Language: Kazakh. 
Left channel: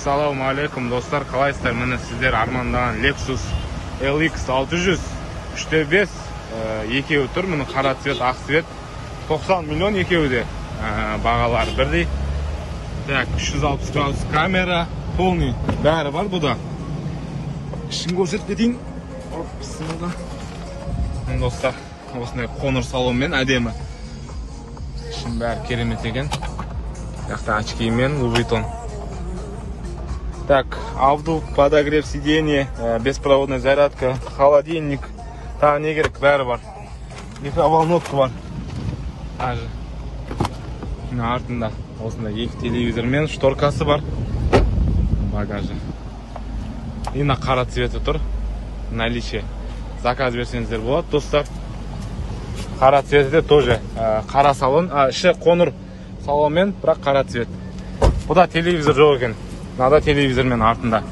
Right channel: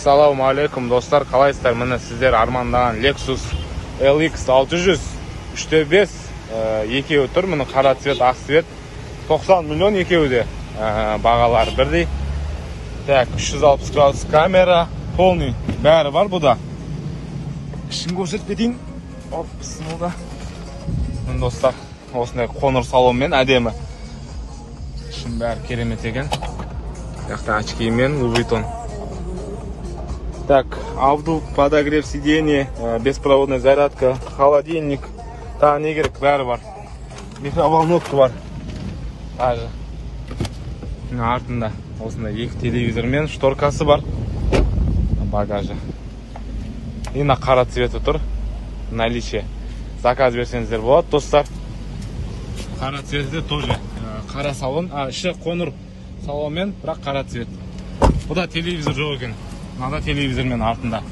Assalamu alaikum dostlar, қалайсыздар? Міне сіздер армандаған Lexus LX 600 3/5 екеуі тұр. Міне қара цвет, ақ цвет. 90 миллион екеуі де. Бағалары бірдей. Так, 360 градус камера, полный бәрі бар бұда. Ішін көрсетіп кетейін. Оп, сынуда. Міне достар, осындай қоңыр салонмен әдемі. Ішін бәрі керемет екен. Очкимен, Louis Vuitton. Так, обдув, подогрев сиденья, беспроводная зарядка, холодильник. Та не керек, бәрі бар. Микроволновка бар. Также артында осындай екі телевизор мен шторкасы бар. Багажы. И на қара цветі тұр. Наличие. Заказ берсеңіздер болады, достар. Қара цветі де тоже қара салон, іші қоңыр салонмен, бірақ қара цвет. Бұда телевизор жоқ екен. Надо телевизормен артында.